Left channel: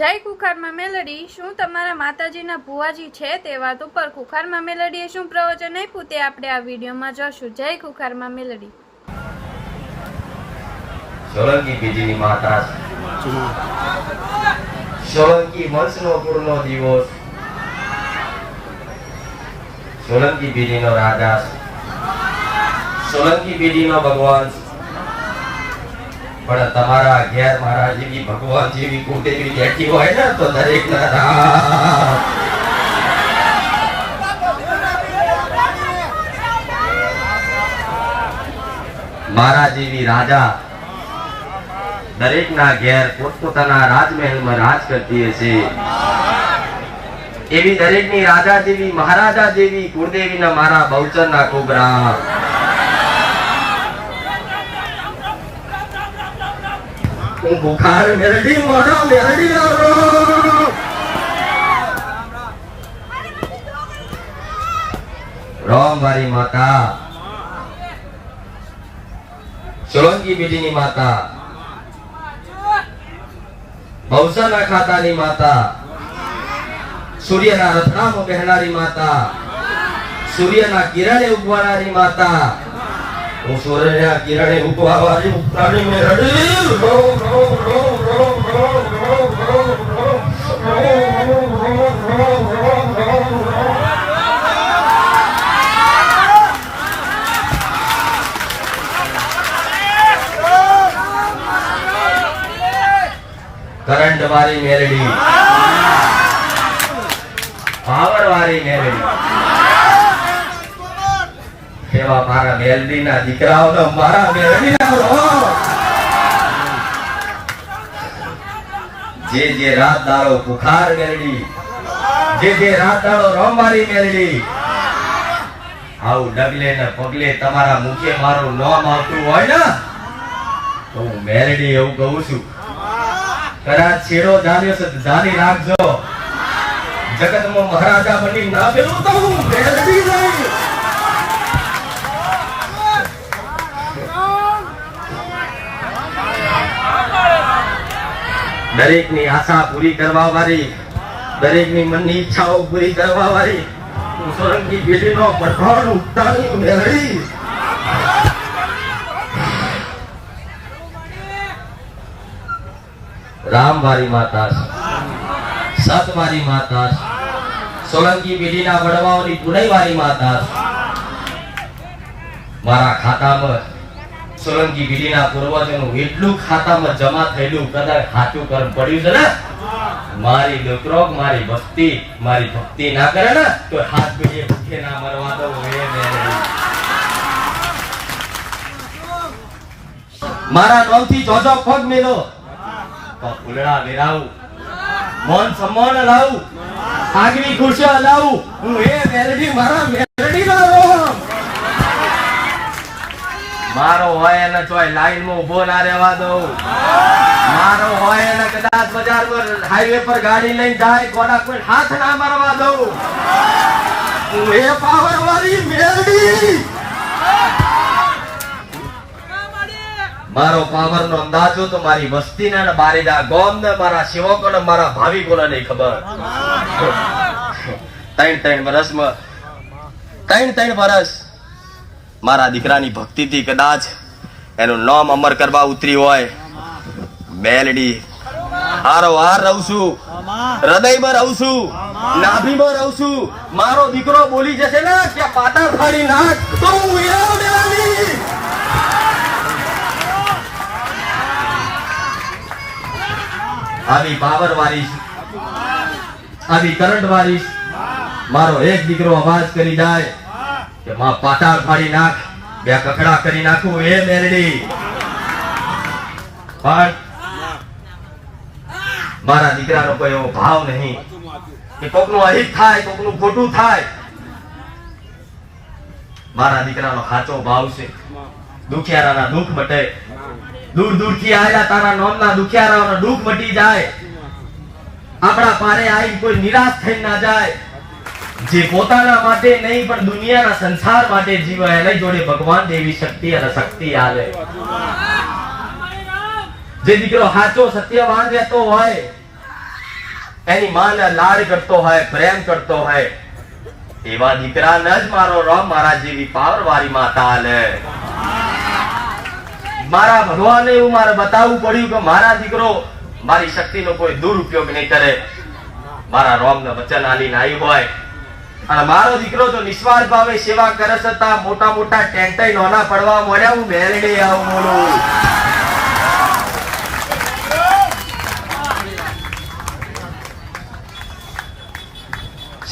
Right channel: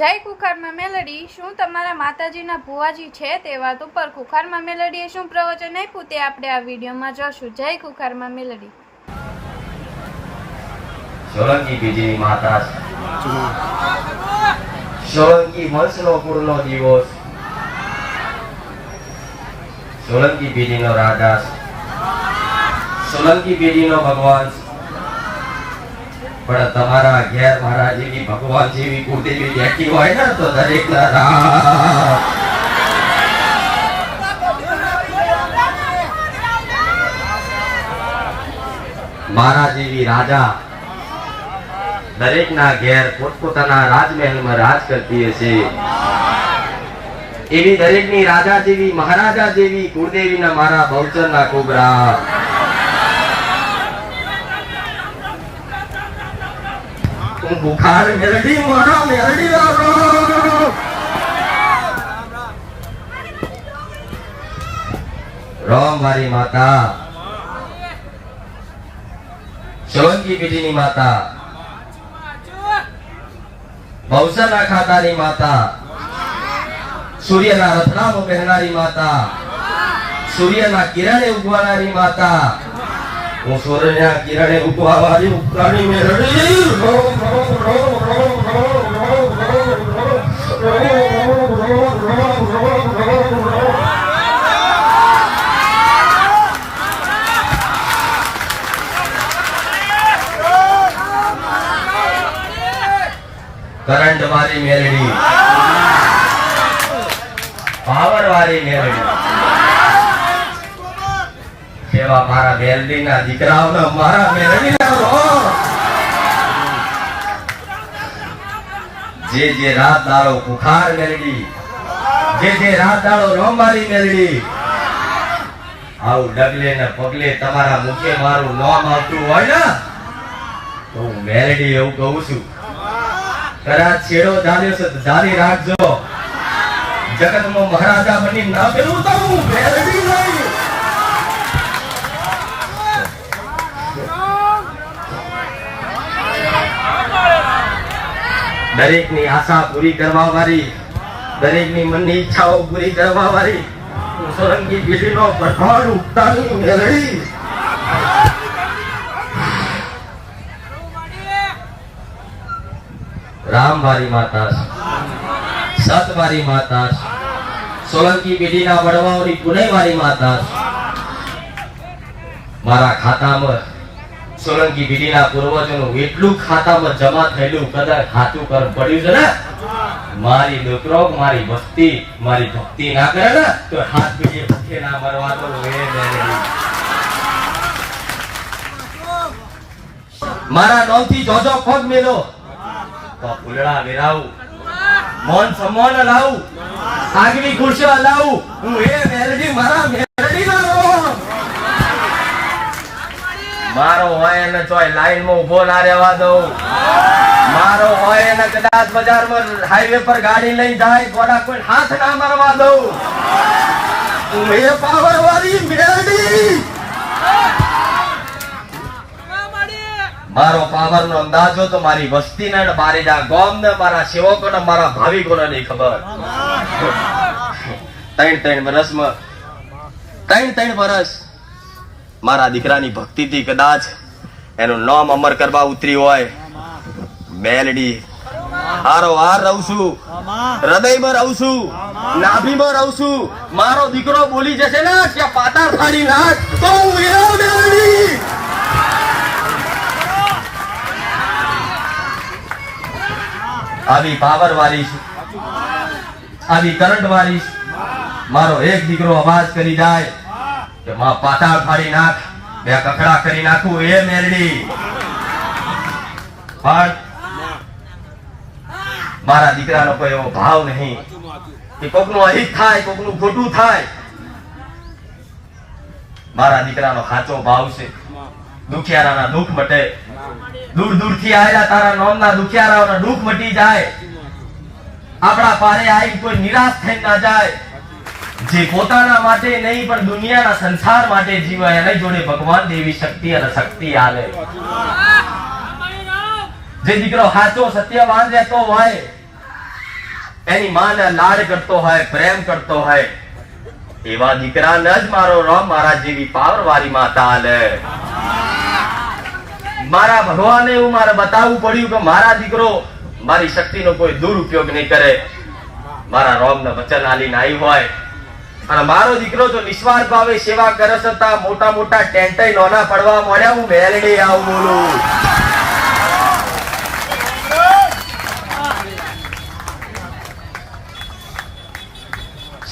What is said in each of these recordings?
જય કુખારમાં મેલડી, શું તમારા માતાજીના ભુવાજી છે તે વાત ઉપર? કુખારમાં મેલડીએ શું પ્રવચન આપ્યું તે આપણે આ વિડીયોમાં જોશું. જય કુખારમાં મેલડી. સોલંકી બીજીની માતા સોલંકી વંશનો પૂરનો દિવસ. સોલંકી બીજીનો રાજા સોલંકી બીજીનો ભગવાન પણ તમારા અગિયાર મહારાજ એવી ભગવાન જેવી કુટેવી બેઠી હોય ને તો દરેક ના રામ. મારા જેવી રાજા દરેકના ઘેર પોતપોતાના રાજમહેલમાં રાજ કરતી હશે. એવી દરેકની રાજા જેવી, મહારાજા જેવી કુળદેવીના મારા બહુચરના કોબરા હું બુખાર મેરડી મોઢો મેરડી લાવો રામ વારી માતા સોલંકી બીજીની માતા ભવસરના ખાતાની માતા સૂર્યના રથનામ કહેનારી માતા સૂર્યના કિરણે ઉગવાનારી માતા હું સૂર્યના કિરણે ઉગવાવાળી ઉપરાણી મેરડી કરંટ વાળી મેરડી પાવર વાળી મેરડી એવા મારા મેલડીના દીકરાઓને મારા મેલડીના રો જે જે રાત દાડો બુખાર મેલડી, જે જે રાત દાડો રોમારી મેલડી, આવું ડગલે ને પગલે તમારા મુખે મારું નામ આવતું હોય ને, તો હું મેલડી એવું કહું છું. કદાચ છેડો જાણ્યો છે જાણી રાખજો. જગતમાં મહારાજા બની ના પેલું તો હું મેલડી નહીં. દરેકની આશા પૂરી કરવા વાળી, દરેકની મનની ઈચ્છાઓ પૂરી કરવા વાળી, હું સોરંગી પેઢીનો પ્રધાન ઉત્તાની મેળવી રામવારી માતા સતવારી માતા સોલંકી પેઢીના વડવાઓની પુનઈવારી માતા મારા ખાતામાં સોલંકી પેઢીના પૂર્વજોનું એટલું ખાતામાં જમા થયેલું કદાચ સાચું કર પડ્યું છે ને? મારી દીકરો મારી ભક્તિ મારી ભક્તિ ના કરે ને, તો હાથ બીજે ભૂખે ના મરવા દો મેરે મારા નવથી જોજો પગ મેલો. તો ફૂલડા વેરાવું. મોન સન્માન લાવું આગવી ખુરશીઓ લાવું હું એ મેલડી મારા મેલડી લાવું મારો હોય એને ચોય લાઈનમાં ઊભો ના રહેવા દઉં. મારો હોય એને કદાચ બજારમાં હાઈવે પર ગાડી લઈ જાય ગોડા કોઈ હાથ ના મારવા દઉં. પાવર વાળી મારો પાવર નો અંદાજો તો મારી વસ્તી ને બારેજા ગોમ ને મારા સેવકો ને મારા ભાવિકો ને નહીં ખબર. ત્રણ ત્રણ વર્ષમાં ત્રણ ત્રણ વર્ષ મારા દીકરાની ભક્તિથી કદાચ એનું નામ અમર કરવા ઉતરી હોય. મેલડી. હારો હાર રહું છું. હૃદયમાં રહું છું. નાભીમાં રહું મારો દીકરો બોલી જશે ને, કે પાતા ફાડી આવી પાવર વાળી આવી કરંટ વાળી મારો એક દીકરો અવાજ કરી જાય. કે માં પાતાળ પાડી નાખ. બે કકડા કરી નાખું. એ મેરડી. પણ મારા દીકરાનો કોઈ એવો ભાવ નહીં કે કોકનું અહિત થાય, કોકનું ખોટું થાય. મારા દીકરાનો સાચો ભાવ છે. દુખિયારાના દુઃખ મટે. દૂર દૂરથી આવ્યા તારા નોમના દુખિયારાઓના દુઃખ મટી જાય. આપણા પારે આવી કોઈ નિરાશ થઈ ના જાય. જે પોતાના માટે નહીં, પણ દુનિયાના સંસાર માટે જીવે એને જોડે ભગવાન દેવી શક્તિ અને શક્તિ આવે. જે દીકરો સાચો, સત્યવાન રહેતો હોય, એની માને લાડ કરતો હોય, પ્રેમ કરતો હોય, એવા દીકરાને જ મારો રોમ, મારા જેવી પાવર વાળી માતા આલે મારા ભગવાને એવું મારે બતાવવું પડ્યું કે મારા દીકરો મારી શક્તિનો કોઈ દુરુપયોગ નહીં કરે. મારા રોમને વચન આલીને આવી હોય. અને મારો દીકરો તો નિસ્વાર્થ ભાવે સેવા કરે છતાં મોટા મોટા ટેન્ટાઈ નોના પડવા મળ્યા, હું મેલડી આવું બોલું.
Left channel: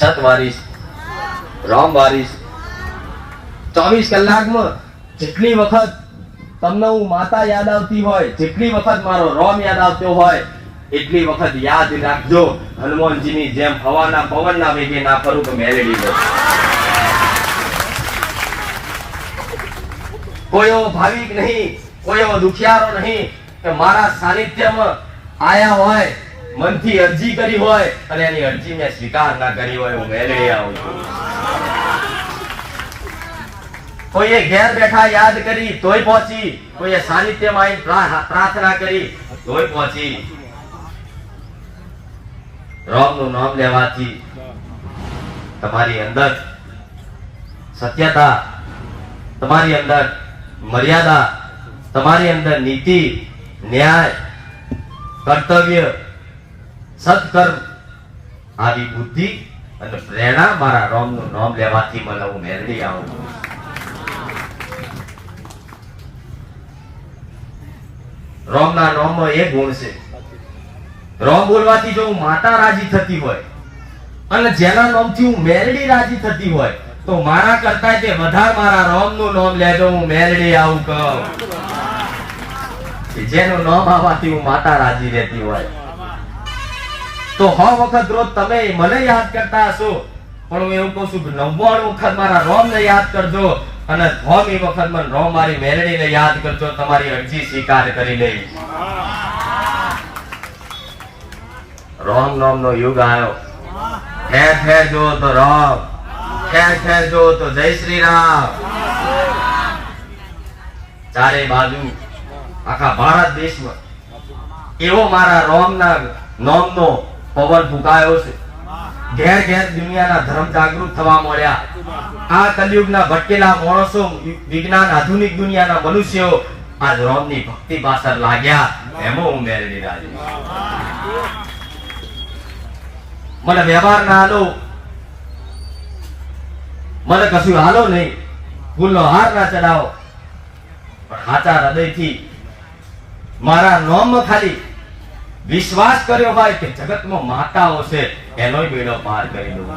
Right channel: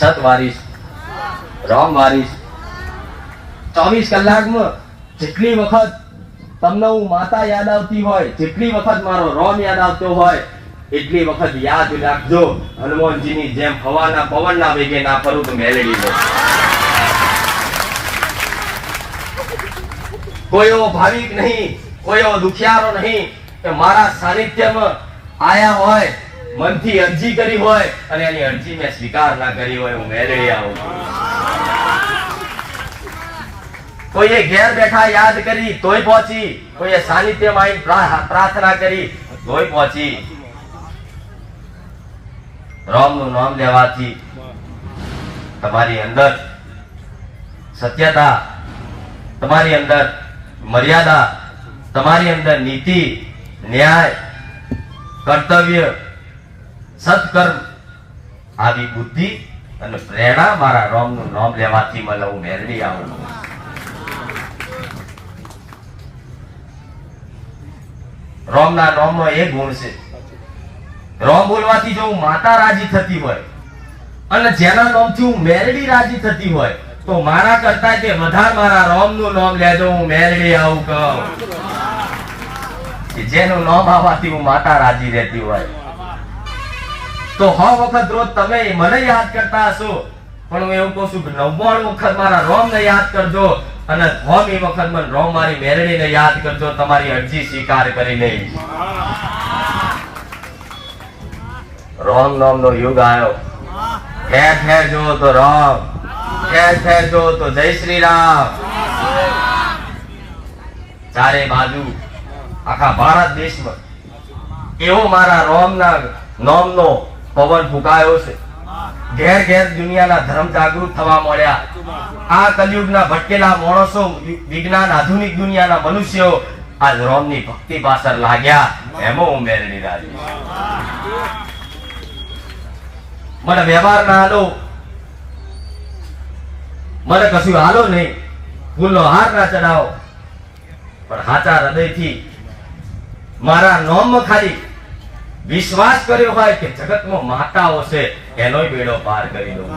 સત વારીશ, રામ વારીશ. ચોવીસ કલાકમાં જેટલી વખત તમને હું માતા યાદ આવતી હોય, જેટલી વખત મારો રોમ યાદ આવતો હોય એટલી વખત યાદ રાખજો, હનુમાનજીની જેમ હવાના પવનના વેગે ના ફરું તો મેલેડી લો એવો ભાવિક નહીં એવો દુખિયારો નહીં, કે મારા સાનિધ્યમાં આયા હોય, મનથી અરજી કરી હોય, અને એની અરજી મેં સ્વીકાર ના કરી હોય, હું મેળવી આવું છું. કોઈએ ઘેર બેઠા યાદ કરી, તોય પહોંચી, કોઈએ સાનિધ્યમાં આવીને પ્રા- પ્રાર્થના કરી, તોય પહોંચી. રામનું નામ લેવાથી તમારી અંદર સત્યતા, તમારી અંદર મર્યાદા, તમારી અંદર નીતિ, ન્યાય, કર્તવ્ય સત્કર્મ આવી બુદ્ધિ અને પ્રેરણા મારા રોમનું નામ લેવાથી મને હું મેળવી આવું રોમના નામમાં એ ગુણ છે રોમ બોલવાથી જો માતા રાજી થતી હોય અને જેના નામથી હું મેલડી રાજી થતી હોય, તો મારા કરતા તે વધારે મારા રોમનું નામ લેજો, હું મેલડી આવું કહું. જેનું નામ આવવાથી હું માતા રાજી રહેતી હોય. તો હ વખત રોજ તમે મને યાદ કરતા હશો. પણ હું એવું કહું છું કે નવ્વાણું વખત મારા રોમ ને યાદ કરજો અને હોમી વખત મને રોમ મારી મેલડીને યાદ કરજો, તમારી અરજી સ્વીકાર કરી લઈશ. રોમ નામ નો યુગ આવ્યો ઠેર ઠેર જોવો તો રોમ. ઠેર ઠેર જોવો તો જય શ્રી રામ ચારે બાજુ આખા ભારત દેશમાં એવો મારા રોમના નોમનો પવન ફૂંકાયો છે. ઘેર ઘેર દુનિયાના ધર્મ જાગૃત થવા મળ્યા. આ કલયુગના ભટકેલા માણસો, વિજ્ઞાન, આધુનિક દુનિયાના મનુષ્યો આજ રોમની ભક્તિ પાછળ લાગ્યા. એમાં હું રાજી વ્યવહાર ના હાલો મને કશું હાલો નહીં. ફૂલનો હાર ના ચડાવો. પણ હાચા હૃદયથી મારા નોમ ખાલી વિશ્વાસ કર્યો હોય કે જગતમાં માતાઓ છે એનોય બેડો પાર કરી દઉં.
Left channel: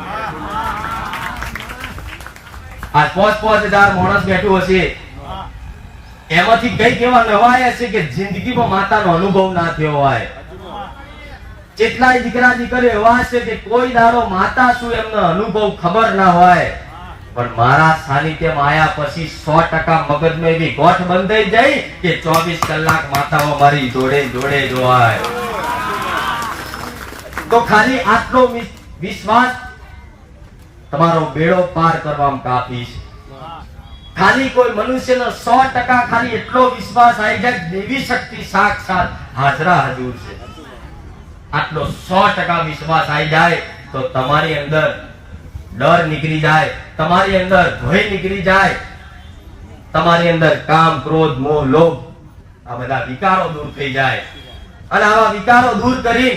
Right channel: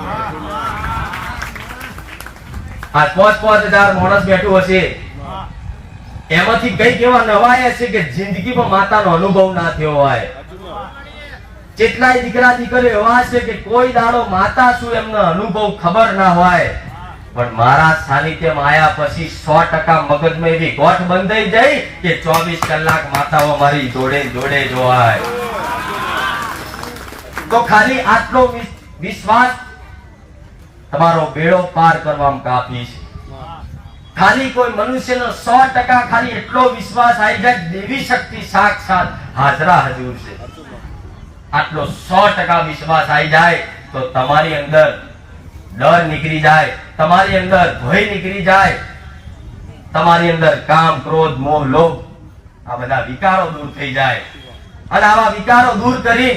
આ પાંચ પાંચ હજાર માણસ બેઠું હશે. એમાંથી કંઈક એવા નવાયા છે કે જિંદગીમાં માતાનો અનુભવ ના થયો હોય. કેટલાય દીકરા દીકરીઓ એવા છે કે કોઈ દાડો માતા શું એમનો અનુભવ ખબર ના હોય. પણ મારા સાનિધ્યમાં આયા પછી સો ટકા મગજમાં એવી ગોઠ બંધાઈ જાય કે ચોવીસ કલાક માતાઓ મારી જોડે જોડે જોવાય તો ખાલી આટલો વિશ્વાસ તમારો બેડો પાર કરવામાં કાફી છે. ખાલી કોઈ મનુષ્યનો સો ટકા ખાલી એટલો વિશ્વાસ આવી જાય દેવી શક્તિ સાક્ષાત હાજરા હજુર છે. આટલો સો ટકા વિશ્વાસ આવી જાય તો તમારી અંદર ડર નીકળી જાય, તમારી અંદર ભય નીકળી જાય, તમારી અંદર કામ, ક્રોધ, મોહ, લોભ આ બધા વિકારો દૂર થઈ જાય. અને આવા વિકારો દૂર કરી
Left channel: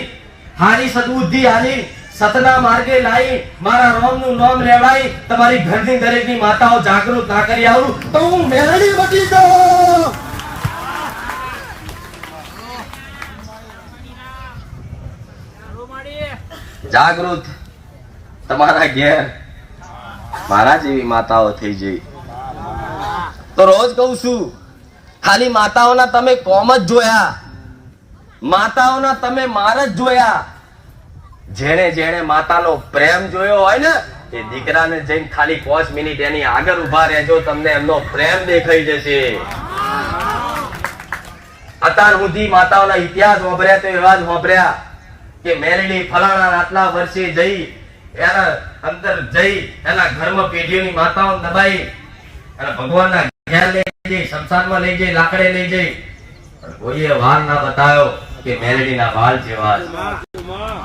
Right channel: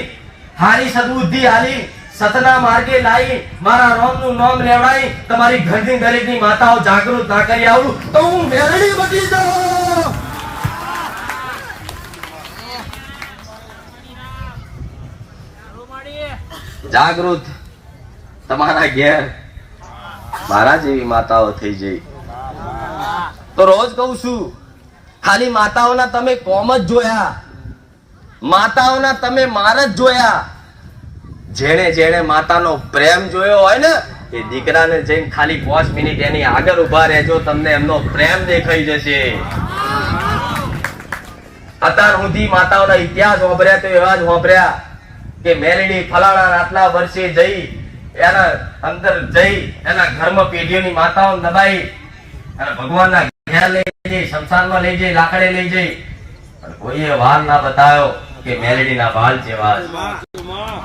હારી સદબુદ્ધિ હારી સતના માર્ગે લાવી મારા રોમનું નામ લેવડાવી તમારી ઘરની દરેકની માતાઓ જાગૃત ના કરી આવું, તો હું મેળવી બની જાઉં જાગૃત તમારા ઘેર મારા જેવી માતાઓ થઈ જઈ. તો રોજ કહું છું, ખાલી માતાઓના તમે કોમ જ જોયા. માતાઓના તમે માર જ જોયા. જેણે જેણે માતાનો પ્રેમ જોયો હોય ને, એ દીકરાને જઈને ખાલી પાંચ મિનિટ એની આગળ ઊભા રહેજો, તમને એમનો પ્રેમ દેખાઈ જશે. અત્યાર સુધી માતાઓના ઇતિહાસ વાપર્યા તો એવા જ વાપર્યા. કે મેલડી ફલાણા આટલા વર્ષે જઈ, એના અંદર જઈ, એના ઘરમાં પેઢીઓની માતાઓ દબાઈ અને ભગવાનના ઘેર લઈ જઈ, શમશાનમાં લઈ જઈ, લાકડે લઈ જઈ. કોઈએ વાલ ના બતાવ્યો કે મેલડીના વાલ જેવા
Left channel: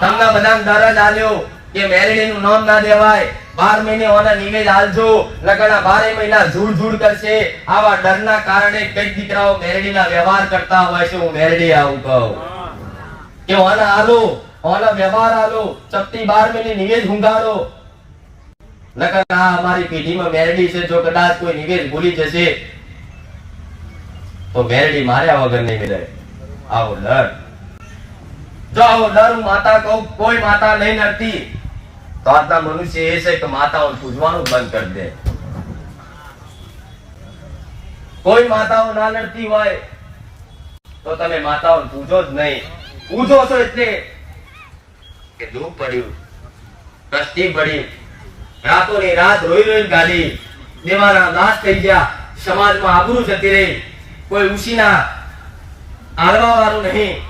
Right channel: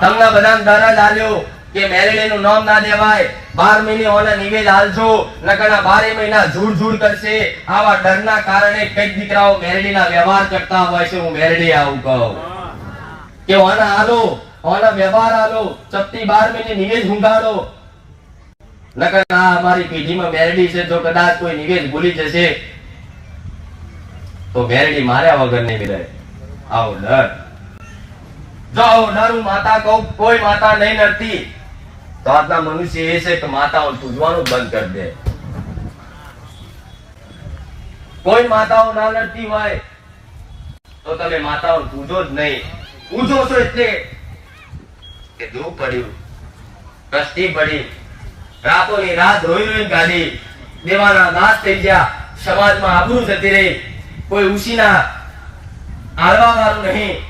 તમને બધાને દાદા લાલ્યો કે મેરડીનું નામ ના દેવાય બાર મહિને ઓના નિવેદ હાલજો નકરના બારે મહિના ઝૂડ ઝૂડ કરશે. આવા ડરના કારણે કંઈક દીકરાઓ મેરડીના વ્યવહાર કરતા હોય છે. હું મેરડી આવું કહું. કે ઓના આલો ઓના વ્યવહાર આલો, ચપટી બાર મહિને નિવેદ હુંગાડો. નકર આ અમારી પેઢીમાં મેરડી છે જો કદાચ કોઈ નિવેદ ભૂલી જશે. તો મેરડી માર્યા વગર નહીં મિલે આવો ડર. જો આવો ડર હું માતા કહું, કોઈ માતા નહીં નડતી. તો આજના મનુષ્ય એ છે કે માતાઓ પૂજવાનું બંધ કરી દે. કોઈ માતાઓ ના નડતી હોય, તો તમે માતાઓ પૂજો જ નહીં. પૂજો છો એટલે કે દુઃખ પડ્યું. કષ્ટી પડી. રાતોની રાત રોઈ રોઈ ગાડી. દેવાના નાશ થઈ ગયા. સમાજમાં આબરૂ જતી રહી. કોઈ ઉસીના આલવા વાળું નહીં.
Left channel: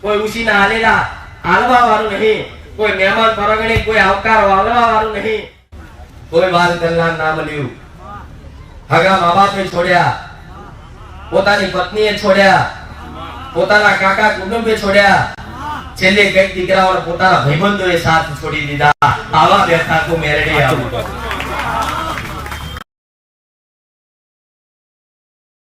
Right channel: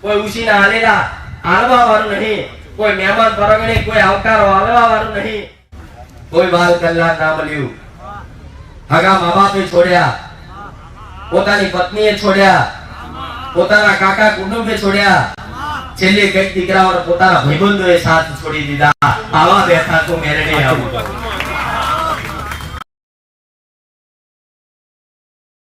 કોઈ ઉસીના આલેલા આલવા વાળું નહીં. કોઈ મહેમાન પરગણે કોઈ આવકાર વાળવા વાળું નહીં. કોઈ બાલ કલ્યાણ ના મળ્યું. હગા મા બાપે છોડ્યા. પોતાની પત્નીએ છોડ્યા. પોતાના કાકા કુટુંબે છોડ્યા. છેલ્લે કંઈક દીકરાઓને પોતાના ભાઈબંધોએ સાથ છોડી દીધા. આવા બેઠા કો મેરડી